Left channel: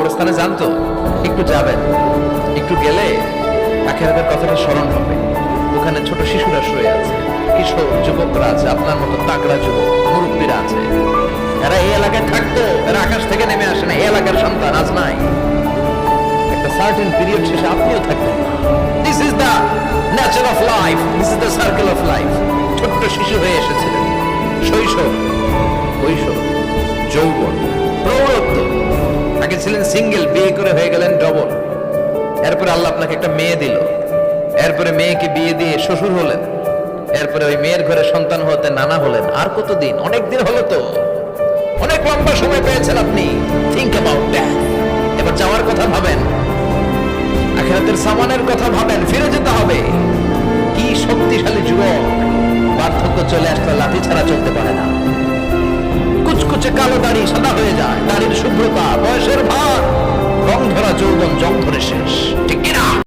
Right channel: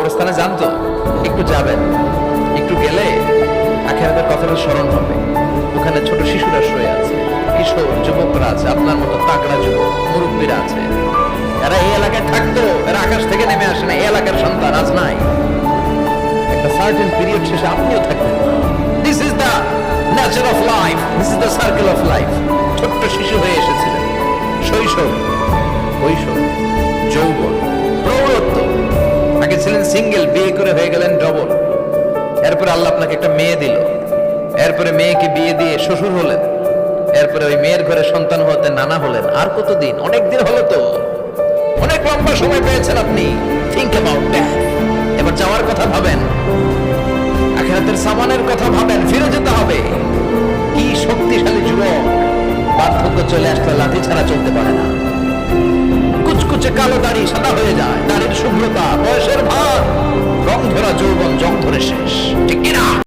কবরস্থানে যান তো, একটু যাবেন, একটু গেলে আখিরাতের কথাটা স্মরণ হবে। ওখানে ছোট শিশুরা শুয়ে আছে, কিশোর যুবকরা আছে, আপনার মতো তাগড়া যুবক মুরব্বীরা আছে। এরা এই এলাকায় থাকতো, এরা আকাশ থেকে নেমে আসে না, এই এলাকার সন্তান আজ নাই। একটা সার্টেন পিরিয়ড শেষে আপনিও থাকতেন। This is the nature of life, this is the circle of life. ছোট্ট শিশু হয়ে এসেছিলেন, শৈশব, কৈশোর, যৌবন, প্রৌঢ়ত্ব। আগে ছিলেন সিঙ্গেল, বিয়ে করে হয়ে গেলেন ডবল। এরপরে আল্লাহ আপনাকে একটা মেয়ে দিল, এরপরে মেয়েকে বিয়ে দিয়ে শ্বশুর হলেন, এরপরে ওই মেয়ের ঘরে সন্তান হতে নানা হলেন। আর কতদিন? অনেক দিন হলো তো, অনেক লম্বা সময় পেয়েছেন আপনি। Think about that. এবার যাওয়ার কথা ভাবেন, আখিরাতের সামানের কথা ভাবেন, ফিরে যেতে হবে। কি শক্তিশালী যুবক, বার্ধক্য চলে আসলে লাঠি ছাড়া চলতে পারে না। কুচকুচে কালো দাড়ি সাদা হয়ে যায়, দাড়ির শুভ্রতা, বয়সের ভার, রং ধরা যৌবন জং ধরে শেষ, ঠিক কিনা?